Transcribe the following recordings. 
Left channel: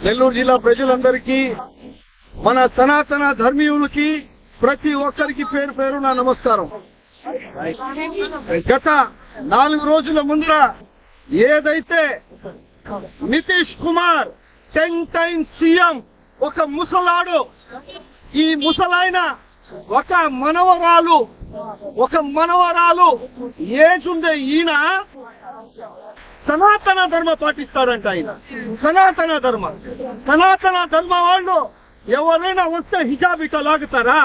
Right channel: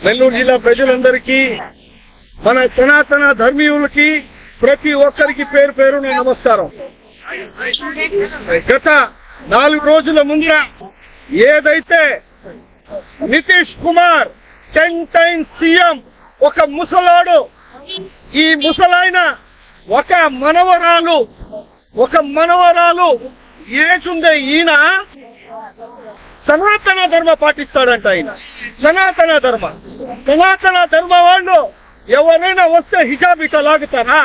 నెల్లూరు జిల్లా ప్రజలందరికీ మన సనాతన ధర్మీయులకి ప్రతి ఒక్కరికి పేరు పేరు నా నమస్కారం. గత నాలుగు రోజుల ముందర ఏదైతే Nitish Kumar ten times CM ఒక ముసలాడు ఈ ముసలాయన ఒక మనవరాలు ఒక మనవరాలు ఏజుండే ఈయన సనాతన ధర్మ పాటిస్తాడంట ఆయన. సనాతన ధర్మ. సనాతన ధర్మ వాళ్ళు ఎవరైనా వస్తే హిజాబ్ ఇట లాగుతారా?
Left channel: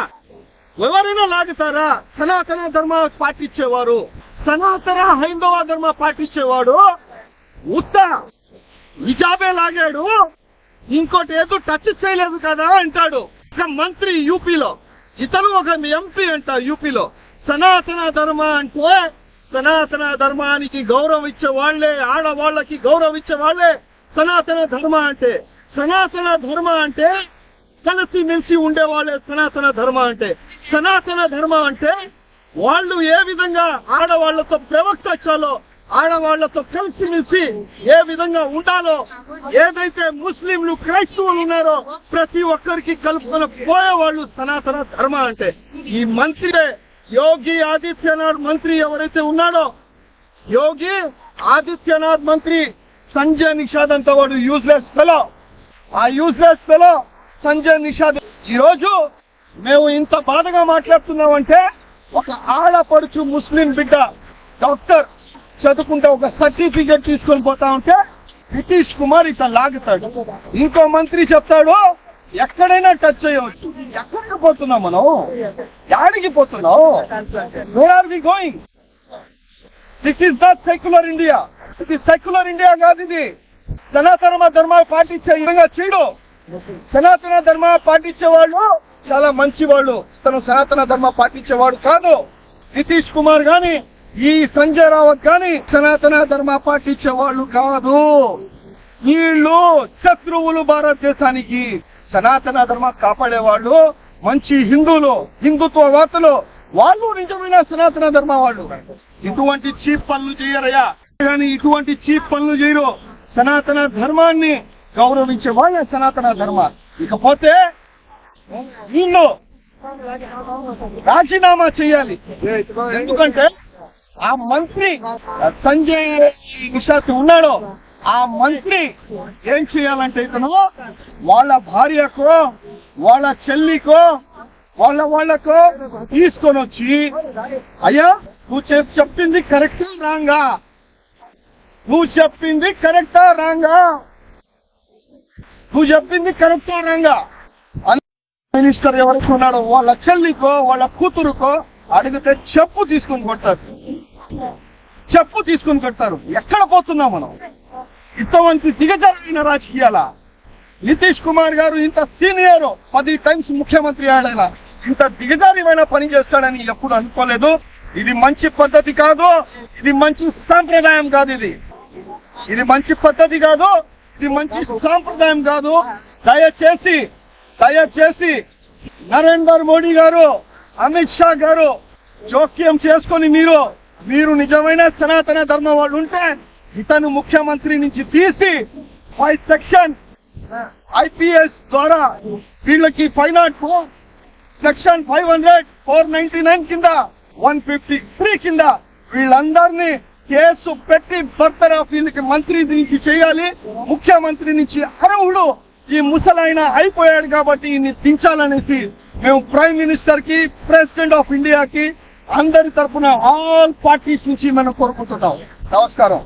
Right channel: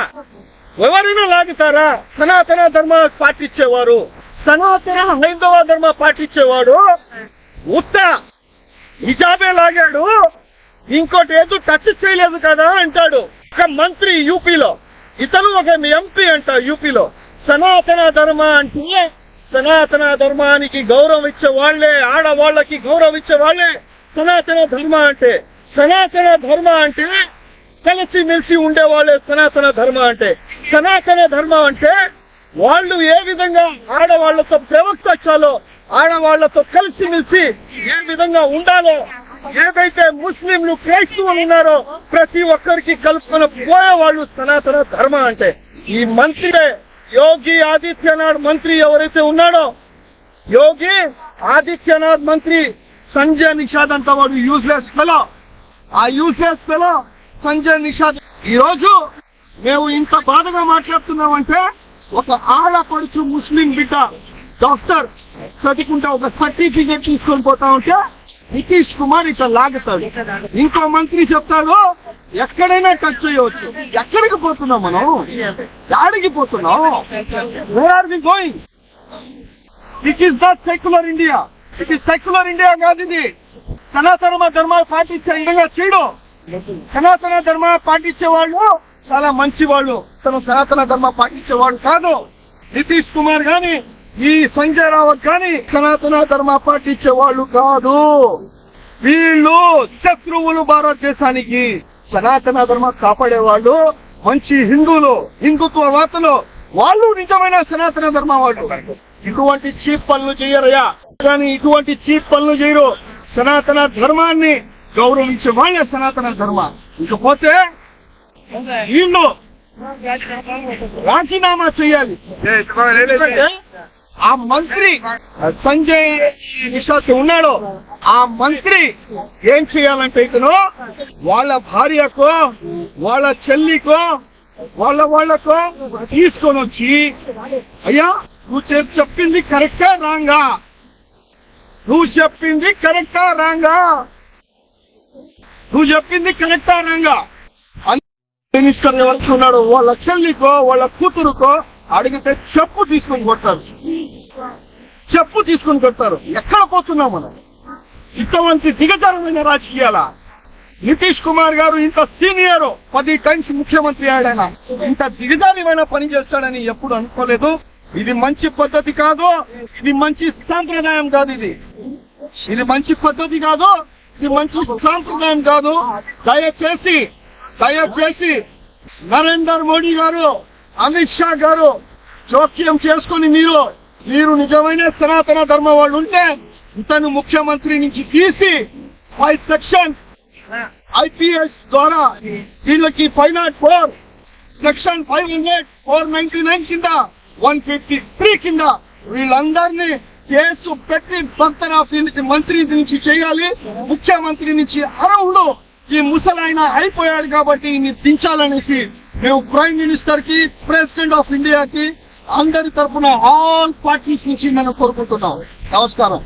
ఎవరైనా లాగుతారా? సనాతన ధర్మ పాటించేవారు. సనాతన హైందవ ధర్మ పాటించేవాడు ఉత్త హిజాబే లాగాడు. ఇంకోటి ఏదో టచ్ చేయలేదు కదా అంటాడు. ఒక మంత్రి యూపీలో ఇతను ఒక ఎంపీ అంట యూపీలో. సనాతన ధర్మ అంటే సనాతన ధర్మానికి గౌరవం ఇచ్చే వాళ్ళే ఆడవాళ్ళకి గౌరవం ఇచ్చే వాళ్ళే సనాతన ధర్మ అంటే సనాతన ధర్మ అంటే కలిసి మెలిసి ఉండే వాళ్ళే సనాతన ధర్మ అంటే. సనాతన ధర్మ అంటే వాళ్ళు ఏ విధంగా ఆడవాళ్ళతో ప్రవర్తించాలో ఆడవాళ్ళతో కలిసి మెలిసి ఏ విధంగా ఉండాలో ఏదైతే ముస్లింలు క్రైస్తవులు ఉన్నారో ప్రతి ఒక్కరికి కలుపుకొని పోయేవాళ్ళు సనాతన ధర్మ అంటే. ఈ మంత్రి యోగి ఆదిత్యనాథ్ మంత్రి ఎవరైతే ఉన్నాడో యోగి ఆదిత్యనాథ్ మంత్రి సంజయ్ నిషాద్ అంత వాడు యూజ్లెస్ ఫెలో ఆ యూజ్లెస్ ఫెలో సంజయ్ నిషాద్. ఈ రోజు మేము ఇంత బాధగా మాట్లాడుతున్నామంటే ఒక ఆడపడుచు ముస్లిం బిడ్డ డాక్టర్ చదువుకుంటే ఒక సర్టిఫికేట్ తీసుకొని పోతా ఉంటే నితీష్ కుమార్ ఇట్లా లాగుతాడు. ఇంకో మంత్రి చెప్తాడు ఎక్కడైనా టచ్ చేయవచ్చు ఎక్కడికి పోతున్నాం మనం? యాడికి పోతున్నాం where are we going it is the secular India it is secular India కాదు ఇది సనాతన ధర్మాలు పాటించే విధంగా చేయడు. సనాతన ధర్మ పాటించే వాళ్ళు చాలా మంచి వాళ్ళు తను సనాతన ధర్మ పాటించేవాడు కాదు. నితీష్ కుమార్ గాని ఈ సంజయ్ రావత్ గాని సనాతన ధర్మ పాటించే వాళ్ళు కాదు. వీళ్ళు శత్రువులు భారతదేశానికి. సనాతన ధర్మ కాపాడే వాళ్ళు మంచి హిందువులు హిందుత్వవాదులు వాళ్ళు నిజమైన సనాతన ధర్మ వాళ్ళు. ఇటువంటి చీప్ పనులు చేయరయ్యా. కానీ ఇటువంటి చీప్ పనులు చేయరు. సనాతన ధర్మాన్ని గౌరవించే వాళ్ళే సనాతన ధర్మ. ఇకపోతే వీళ్ళు రాజీనామా చేయాలి. ఎందుకంటే ఆ మంత్రి సంజయ్ నిషాద్ ఉన్నాడు. ఆ మంత్రి ఏం చేయాలంటే ఇతను వాళ్ళ భార్యకో వాళ్ళ చెల్లికో వాళ్ళ వాళ్ళకో తీసుకొని వచ్చి అయ్యా నువ్వు చెప్పింది కరెక్టా రాంగా. నువ్వు చెప్పింది కరెక్టా రాంగా. నువ్వు చెప్పింది కరెక్టా రాంగా. మినిస్టర్ ఎవరికి ఉన్నాడు వాళ్ళ చెల్లికో వాళ్ళ కూతురుకో అడిగితే చెప్పు తీసుకొని కొడతారు చెప్పు తీసుకొని కొడతారు. ఎక్కడ పోతున్నాం మనం? ఇటువంటి దిగజారమైన రాజకీయాల నితీష్ కుమార్ గారు ఇంత సీనియర్ పది టైమ్స్ ముఖ్యమంత్రి ఆడాయన. ఇంత దిగజారిమైన పని చేస్తాడని ఎప్పుడు అనుకోలేదు. ఇది మంచి పద్ధతి కాదు. ఇది మంచి సాంప్రదాయం కాదు ఇది. ఇది మంచి పద్ధతి కాదు. ఇది మంచి సాంప్రదాయం కాదు. దయచేసి దయచేసి నరేందర్ మోడీ గారు అమిత్ షా గారు జోక్యం చేసుకొని మీరు మీరు నిజమైన సనాతన ధర్మ వాళ్ళు ఉంటే ఇతను ముఖ్యమంత్రి నుంచి తీసి ఫైవ్ సెక్షన్ ఐపీఎస్ ద్వారా వీళ్ళకి five not four section five hundred four ninety nine కింద వన్ ఫిఫ్టీ త్రీ కింద వీళ్ళందరినీ కేసు పెట్టి బర్తరాఫ్ వీళ్ళకి మంత్రి నుంచి చేయాలి. ముఖ్యమంత్రి నుంచి అర్హుడు ఈ ముసలైన అయిపోయాడు కాబట్టి ఈయన్ని దించాలనేసి మేము ప్రైమ్ మినిస్టర్కి ప్రెసిడెంట్ ఆఫ్ ఇండియాకి అందరి తరపున ఆల్ పార్టీస్ నుంచి మనం కోరుకుంటున్నాం. నమస్కారం.